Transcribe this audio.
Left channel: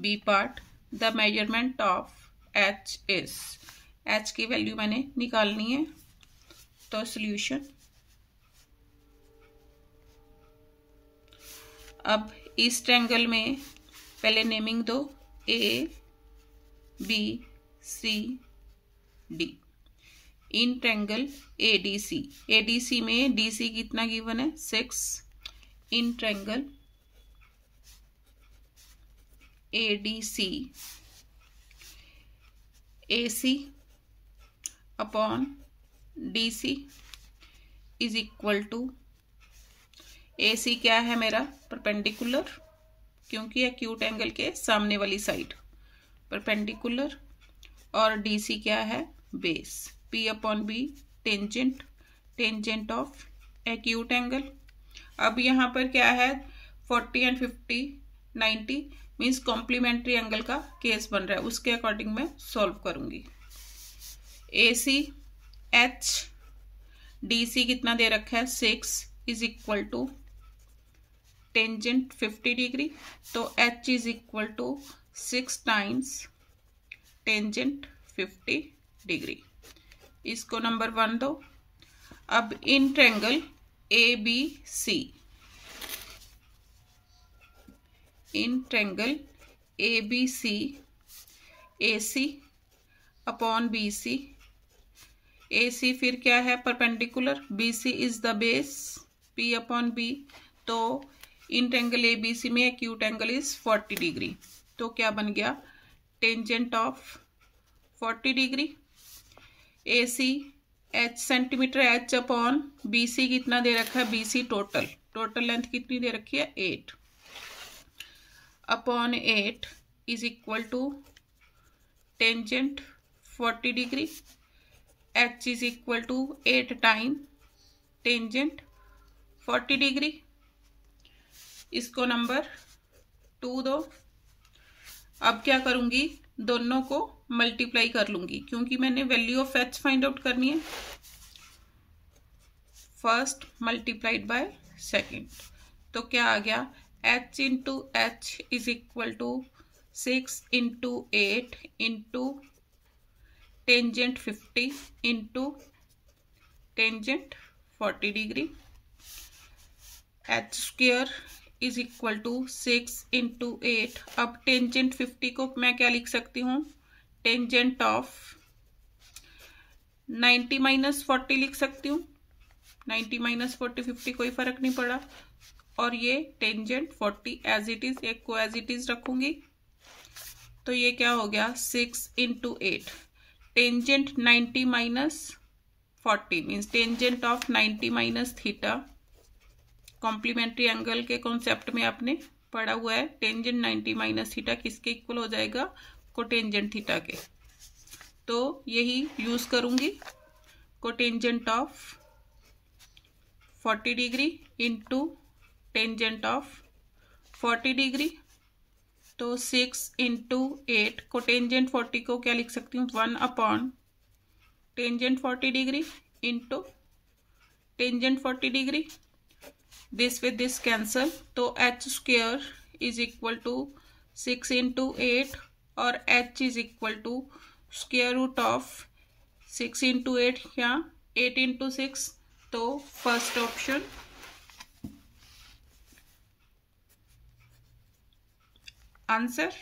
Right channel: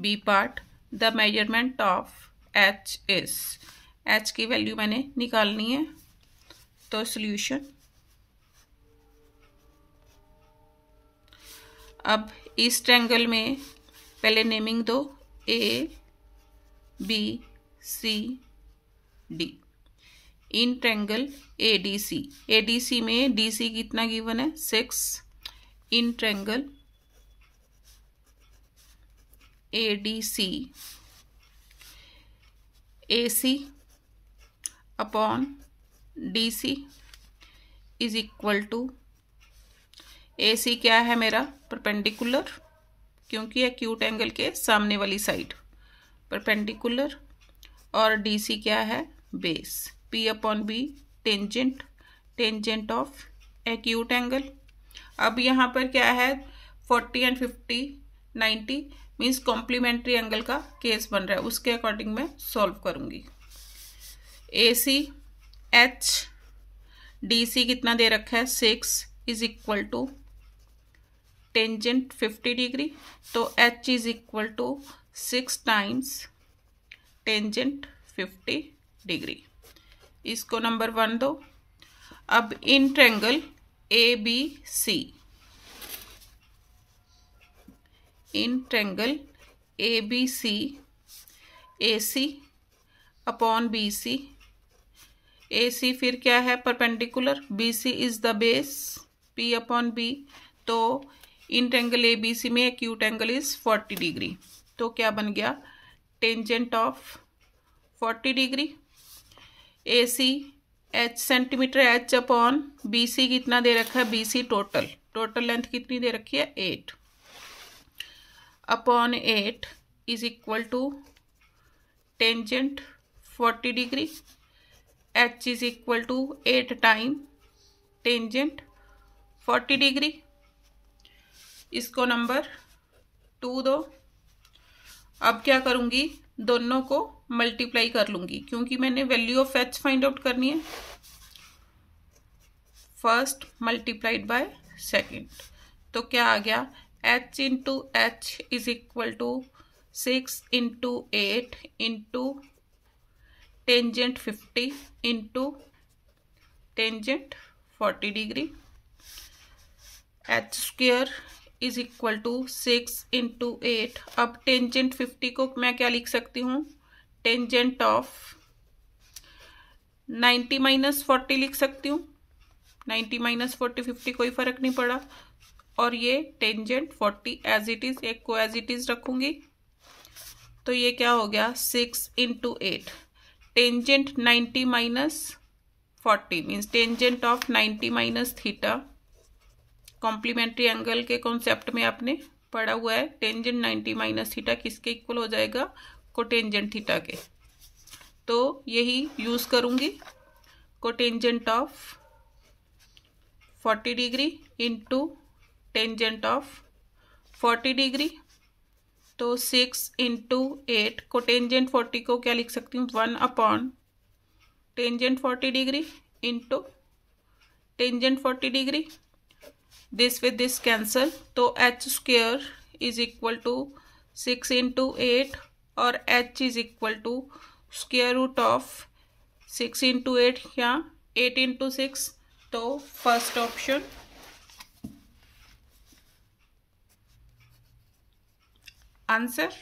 B part, the measurement of H is, H की value मैंने निकालनी है। तो सॉल्यूशन, अब इस ट्रायंगल में पहले नेमिंग दो, A B C D. In triangle ADC, ADC में डीसी कितना गिवन है 6। In triangle ADC AC upon DC is equal to, AC क्या है मेरा परपेंडिकुलर, क्योंकि एक्यूट एंगल के सामने वाली साइड परपेंडिकुलर, और डीसी क्या है base, P upon B tangent, tangent of acute angle. अब यहाँ पर क्या है 40 एंड 50 90 मीन्स कॉम्प्लीमेंट्री एंगल का केस बन रहा है, उसके अकॉर्डिंग मैं सॉल्व करूंगी। ए सी एच डी सी कितना दे रखा है 6 is equal to tangent 50 degree, तो H is equal to 6 times tangent 50 degree. इसको नंबर 1 दो। अब in triangle A B C, in triangle A B C A C upon B C, A C फिर क्या है perpendicular, B C is the base, P upon B, तो in triangle A B सी में acute angle is 40 degree, तो क्या बन गया tangent of 40 degree. A C H centimetre H upon B C कितना दे रखा है, B C total, total length कितनी दे रखी है 8 upon 8 is equal to tangent 40 degree, H is equal to 8 time tangent 40 degree. इसको नंबर 2 दो। अब क्या करूंगी, दोनों को मल्टीप्लाई कर लूंगी, क्योंकि मैंने value of H find out करनी है। फर्स्ट मल्टीप्लाइड बाय सेकेंड, तो क्या आ गया H into H is equal to 6 into 8 into tangent 50 into tangent 40 degree, H square is equal to 6 into 8। अब टेंजेंट 50 को मैं क्या लिख सकती हूँ, टेंजेंट ऑफ 90 माइनस 40 लिख सकती हूँ, 90 माइनस 40 50 कोई फर्क नहीं पड़ा, और ये टेंजेंट 40 एज इट इज, एक को एज इट इज रखूंगी, तो ये क्या हो गया 6 into 8, tangent 90 minus 40 means tangent of 90 minus theta, complementary angle के कॉन्सेप्ट में आपने पढ़ा हुआ है, टेंजेंट 90 माइनस थीटा किसके इक्वल हो जाएगा, कोटेंजेंट थीटा के, तो यही यूज करूंगी, cotangent of 40 degree into tangent of 40 degree, तो 6 इंटू 8, कोटेंजेंट 40 को क्या लिख सकती हूँ 1 upon tangent 40 degree into tangent 40 degree, this with this cancel, तो H square is equal to 6 into 8 और H is equal to square root of 6 into 8 या 8 into 6, तो फर्स्ट ऑप्शन आंसर।